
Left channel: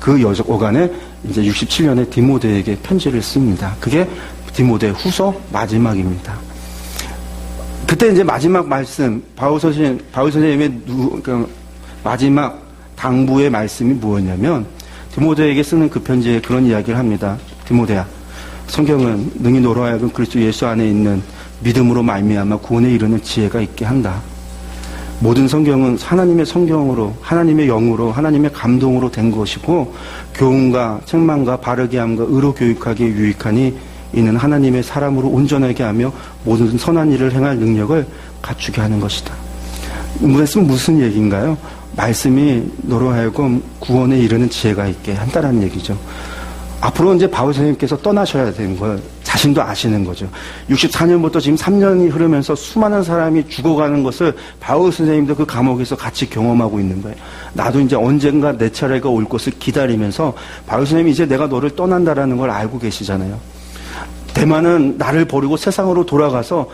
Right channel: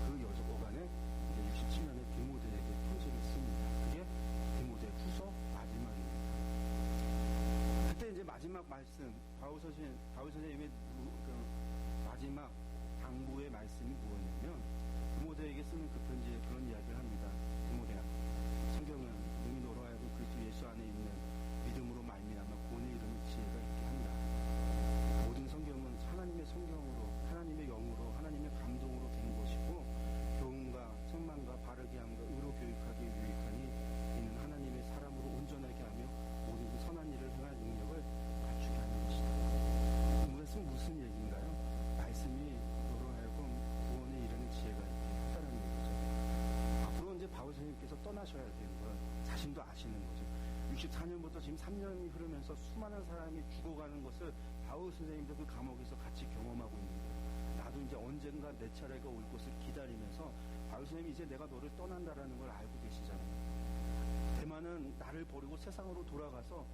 그 여간에 이제 67년에 디모데에게 편지를 씁니다. 그게 디모데 후서 마지막입니다. 그때 이제 마지막 말씀, 바울 선생님의 마지막 당부의 말씀이 뭐였냐면 디모데에게 쓰는 그 편지에 그런 이야기를 합니다. 디모데야, 성경은 능히 너로 하여금 그리스도 예수 안에 있는 믿음으로 말미암아 구원에 이르는 지혜가 있게 한다. 모든 성경은 하나님의 성경으로, 하나님의 영으로, 하나님의 감동으로 된 것이고 교훈과 책망과 바르게 함과 의로 교육하기에 유익하니 이는 하나님의 사람으로 온전하게 하며 모든 선한 일을 행할 능력을 갖추게 하는 것이다. 말씀은 무슨 얘기인가요? 말씀이 너로 하여금 구원에 이르는 지혜가 있게 한다는 얘기죠. 앞으로 이제 바울 선생님께서 떠나셔야 되는 걸 자신도 아시는 거죠. 64년부터 지금 3년이 흐르면서 수많은 사람이 죽어가는 것을 바울 선생님도 그 감옥에서 같이 경험하고 있는 거예요. 나도 이제 언젠가 내 차례가 올 것을 기다리면서 바울 선생님이 이제 내가 너를 떠난다라는 걸 알고 계시잖아요. 대만은 나를 버리고 세상으로 돌아가서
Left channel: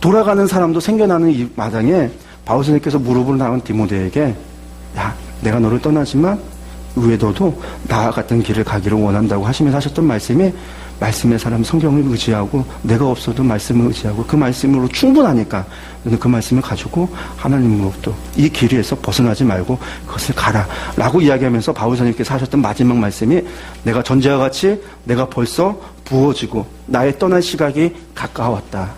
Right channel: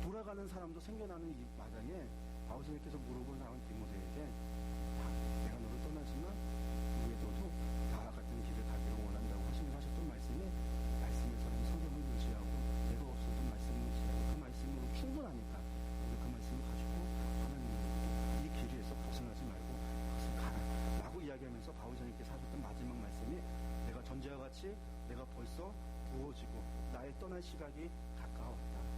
돌아가는 사람도 생겨나는 이 마당에 바울 선생님께서 무릎을 나온 디모데에게 야, 내가 너를 떠나지만 왜 너도 나와 같은 길을 가기를 원한다고 하시면서 하셨던 말씀이 말씀의 사람 성경을 의지하고 내가 없어도 말씀을 의지하고 그 말씀으로 충분하니까 너는 그 말씀을 가지고 하나님으로부터 이 길에서 벗어나지 말고 그것을 가라 라고 이야기하면서 바울 선생님께서 하셨던 마지막 말씀이 내가 전제와 같이 내가 벌써 부어지고 나의 떠날 시각이 가까웠다.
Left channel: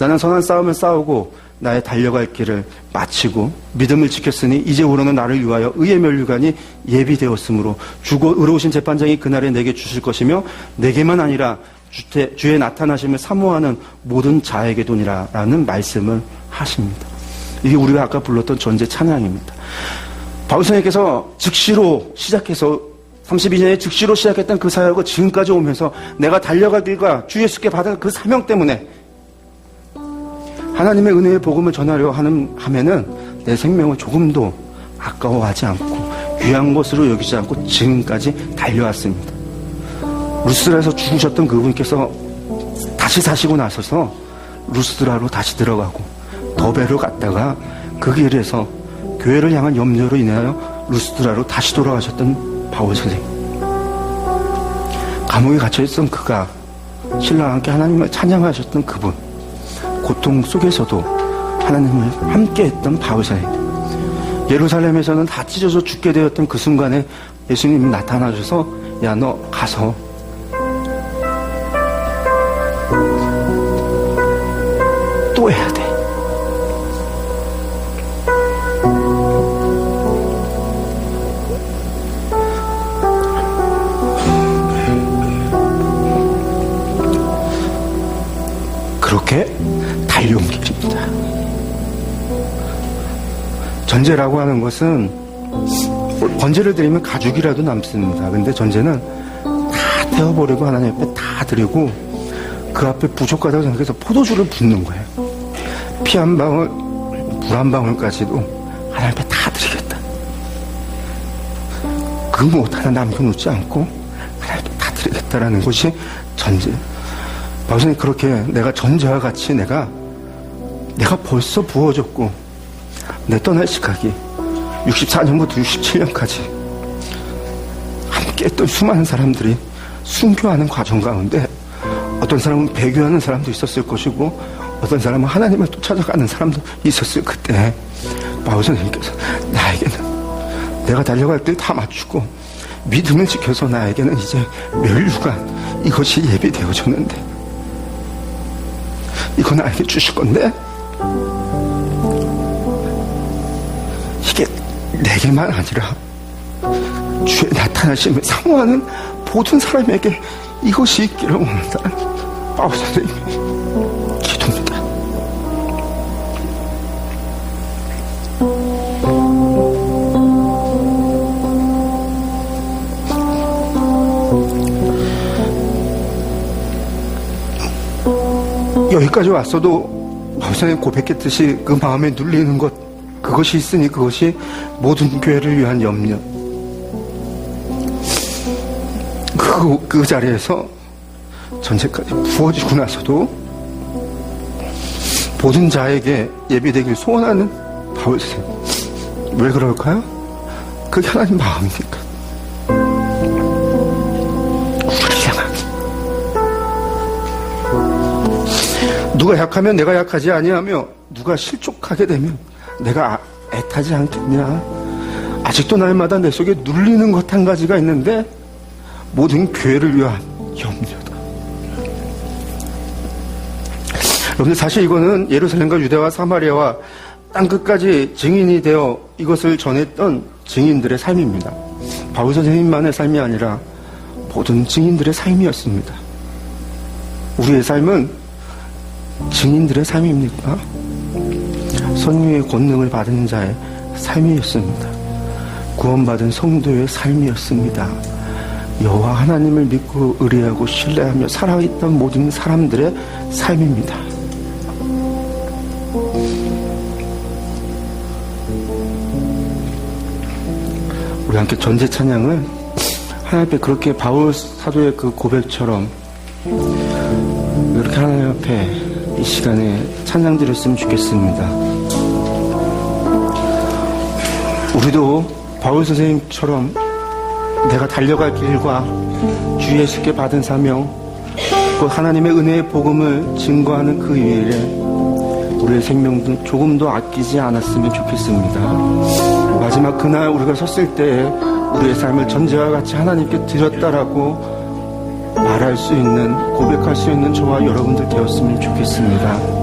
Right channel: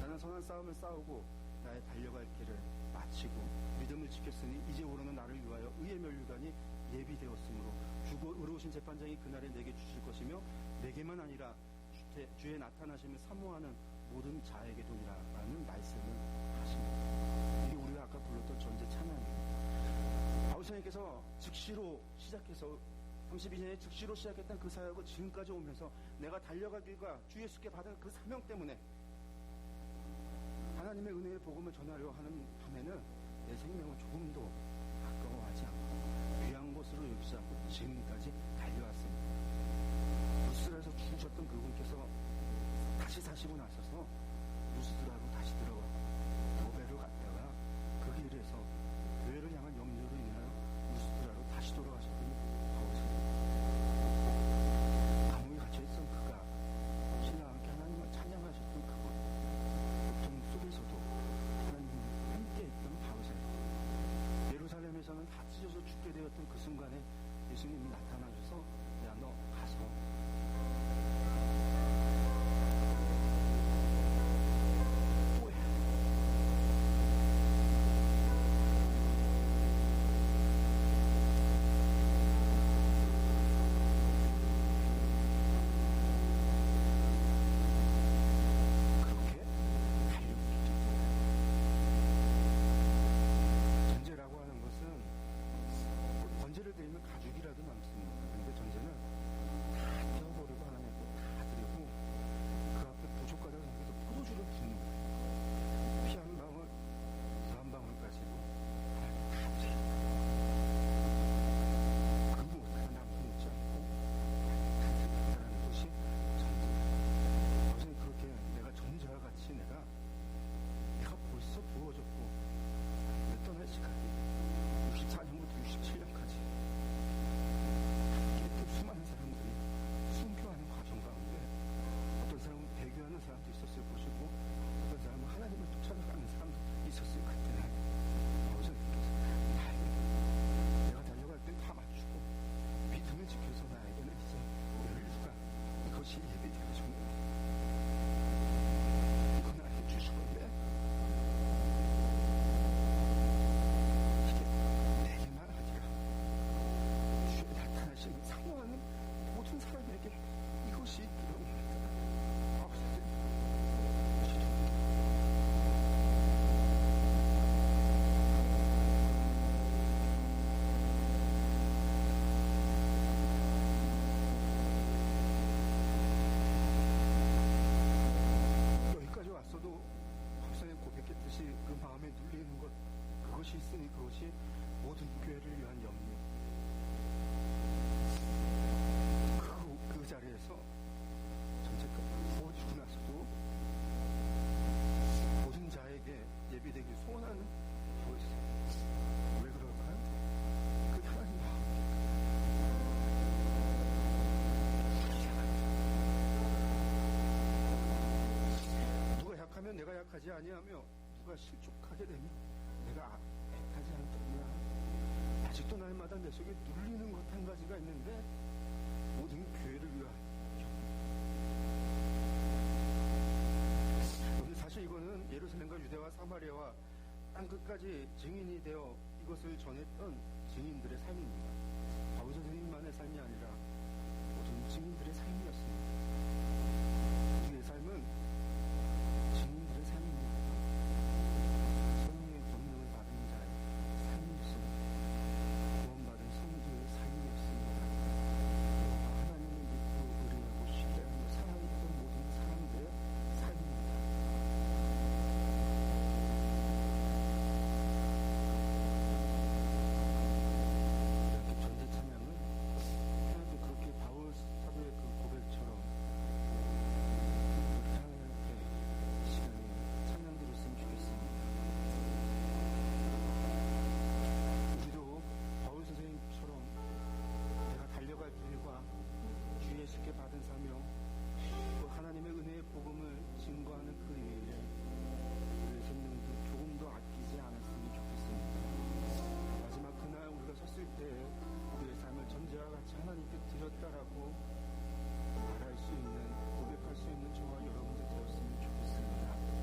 나는 선한 싸움을 싸우고 나의 달려갈 길을 마치고 믿음을 지켰으니 이제 우러는 나를 위하여 의의 면류관이 예비되었으므로 주고 의로우신 재판장이 그날에 내게 주실 것이며 내게만 아니라 주의 나타나심을 사모하는 모든 자에게도니라 라는 말씀을 하십니다. 이게 우리가 아까 불렀던 전제 찬양입니다. 바울 선생님께서 즉시로 시작해서 32년에 즉시로 시작했던 그 사역을 지금까지 오면서 내가 달려갈 길과 주 예수께 받은 그 사명 때문에 하나님의 은혜의 복음을 전하려 하면은 내 생명을 조금도 아까워하지 않고 귀한 것으로 여기지 않고 지금까지 달려왔습니다. 루스드라에서 죽으셨던 그분께서 다시 사시고 나서서 루스드라로 다시 들어가고 더베로 갔다가 그 길에서 교회를 향한 염려로 인하여 루스드라로 다시 돌아가셨던 바울 선생님. 감옥에 갇혀있던 그가 신랑과 함께 하나님을 찬양하셨던 그분. 고통 속에서도 하나님을 함께했던 바울 선생님. 예루살렘에서는 다 찢어져 죽게 되었던 그 순간에 예수님이 나타나셔서 야, 너 가서 또 해야 돼. 그렇게 달려온 길입니다. 전제라고 하는 것은 번제를 드리면 가죽이라도 남습니다. 근데 전제는 다 태워버리고 하나님 앞에 다 드리고 그 앞에 부족하다고 생각해서 포도주를 붓는 거예요. 피 한 방울, 물 한 방울까지도 하나님 앞에 다 드리겠다. 그 무엇 하나 남겨놓지 않고 하나님 앞에 다 드리겠다라는 것이 전제. 바울선생님 그렇게 내가 전제와 같이 내가 벌써 부어졌고 내 떠날 시각이 64년부터 67년까지 함께했던 수많은 사람들이 순교하는 과정 가운데 어떤 사람은 배교하는 사람도 있었을 것이고 어떤 사람은 하나님을 또 찾아가는 사람도 있었을 그때 바울 선생님께서 나에게는 내가 달려갈 길 다 맞추고 믿음을 지켜서 나에게는 이제 면류관 이것이 예비되어졌는데 이거 나에게 주실 건데 이게 내게만 아니라 주의 나타나심을 사모하는 모든 사람에게 이것이 있기를 원한다는 바울 선생님의 기도입니다. 여기까지 왔어도 바울 선생님 고백했듯이 그 마음에 눌리는 것 그것이 있으니 그것이 모든 교회를 위한 염려. 그 자리에서 전제까지 부어지고 나서도 모든 자에게 예비되길 소원하는 바울 선생님. 왜 그럴까요? 그게 하나님 마음이니까. 우리를 향하기. 누가 약하면 내가 약하지 아니하며 누가 실족하게 되면 내가 애타지 않겠냐. 아직도 날마다 내 속에 눌리는 것 한 가지가 있는데 모든 교회를 위한 염려다. 여러분들, 사실 이거는 예루살렘과 유대와 사마리아와 땅끝까지 증인이 되어 이것을 전했던 증인들의 삶입니다. 바울 선생님만의 삶이 아니라 모든 증인들의 삶이었습니다. 우리의 삶은 증인들의 삶입니까? 선유의 권능을 받은 자의 삶이었습니다. 구원받은 성도의 삶이었습니다. 여호와 하나님을 믿고 의뢰하고 신뢰하며 살아있던 모든 사람들의 삶입니다. 우리 함께 전제 찬양을 하나님 앞에 그렇게 바울 사도의 그 고백처럼 이렇게 하나님 앞에 이 시간에 찬양 드렸으면 좋겠습니다. 우리도 바울 선생님처럼 내가 달려갈 길과 주 예수께 받은 사명, 곧 하나님의 은혜의 복음을 증거하는 그 일에 우리의 생명도 조금도 아끼지 않았으면 좋겠습니다. 마지막 그날 우리가 섰을 때에 우리의 삶을 전제와 같이 하나님께 드렸다라고 말할 수 있는, 고백할 수 있는 저와 여러분들 되었으면 좋겠습니다.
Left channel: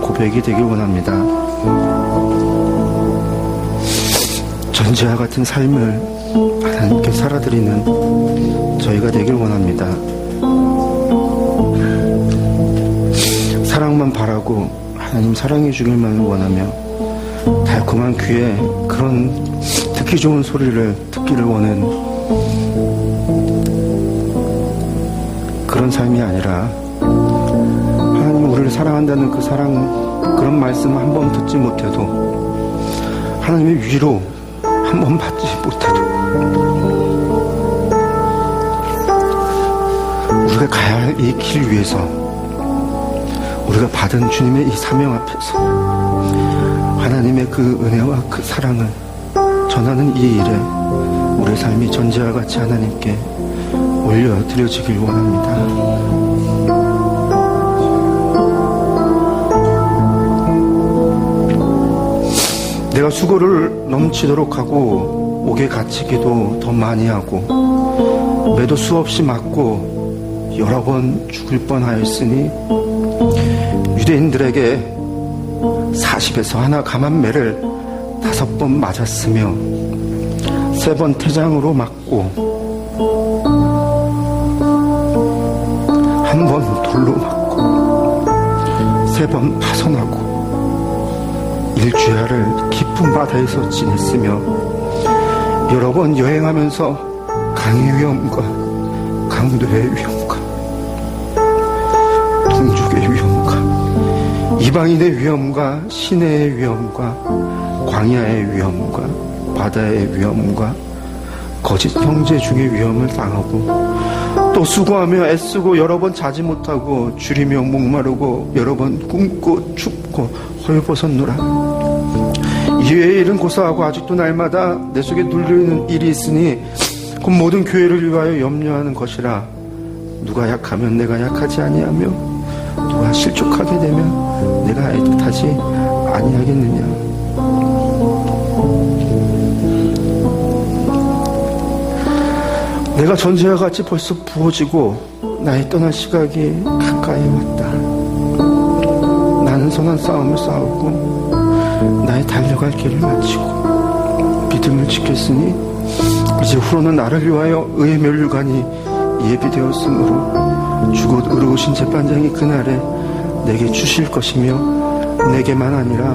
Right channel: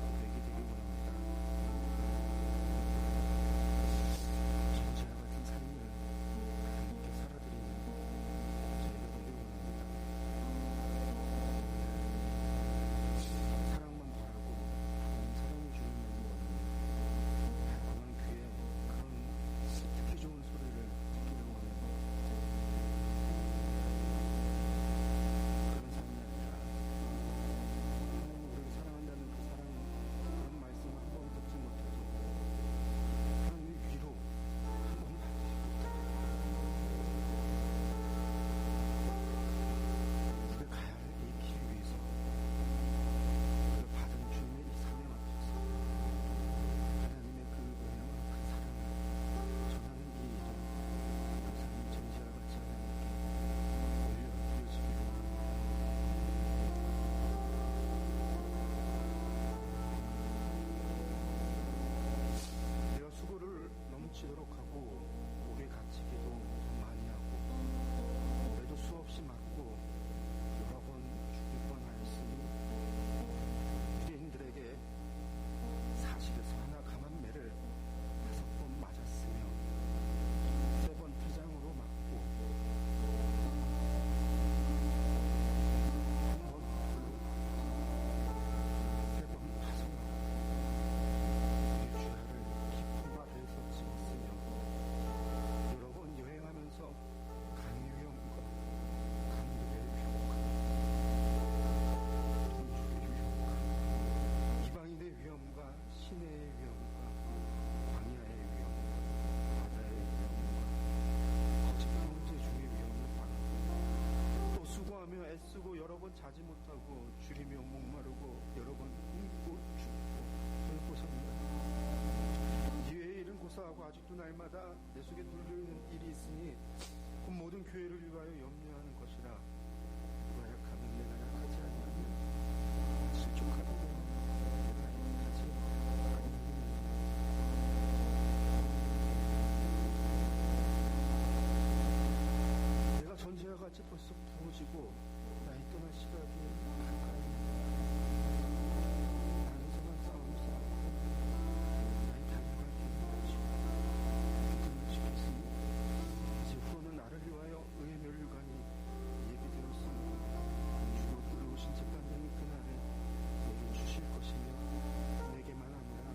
고백이 되길 원합니다. 전지와 같은 삶을 하나님께 살아드리는 저희가 되길 원합니다. 사랑만 바라고 하나님 사랑해 주길만 원하며 달콤한 귀에 그런 듣기 좋은 소리를 듣기를 원하는 그런 삶이 아니라 하나님 우리를 사랑한다는 그 사랑, 그런 말씀 한 번 듣지 못해도 하나님의 위로 한 번 받지 못해도 우리가 가야 할 이 길 위에서 우리가 받은 주님의 이 사명 앞에서 하나님의 그 은혜와 그 사랑을 전하는 이 일에 우리의 삶이 전제와 같이 하나님께 올려드려지길 원합니다. 내가 수고를 넘치도록 하고 옥에 갇히기도 더 많이 하고 매도 수없이 맞고 여러 번 죽을 뻔하였으니 유대인들에게 40에서 하나 감한 매를 5번 맞았으며 3번 태장으로 맞고 1번 돌로 맞고 3번 파손하고 일주야를 깊은 바다에서 지냈으며 여러 번 여행하면서 강의 위험과 강도의 위험과 동족의 위험과 이방인의 위험과 시내의 위험과 광야의 위험과 바다의 위험과 거짓 형제 중의 위험을 당하고 또 수고하며 애쓰고 여러 번 자지 못하고 줄이며 목마르고 여러 번 굶고 춥고 헐벗었노라. 이외의 일은 고사하고 아직도 날마다 내 속에 눌리는 일이 있으니 곧 모든 교회를 위하여 염려하는 것이라. 누가 약하면 내가 약하지 아니하며 누가 실족하게 되면 내가 애틋하지 아니하겠느냐. 내가 전제와 같이 벌써 부어지고 나의 떠날 시각이 가까이 왔다. 나는 선한 싸움을 싸우고 나의 달려갈 길을 마치고 믿음을 지켰으니 이제 후로는 나를 위하여 의의 멸류관이 예비되었으므로 주곧 의로우신 재판장이 그날에 내게 주실 것이며 내게만 아니라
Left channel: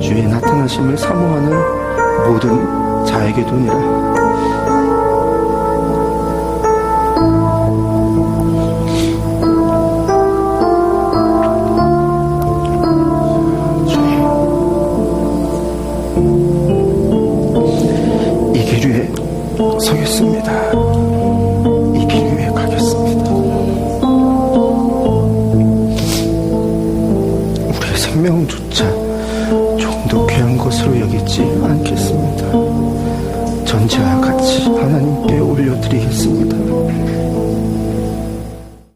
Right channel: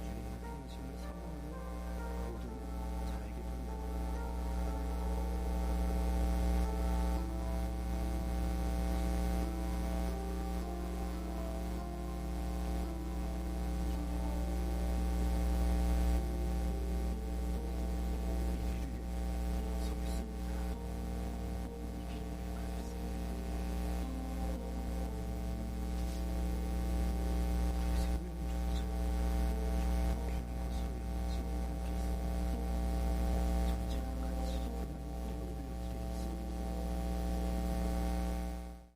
주의 나타나심을 사모하는 모든 자에게도니라.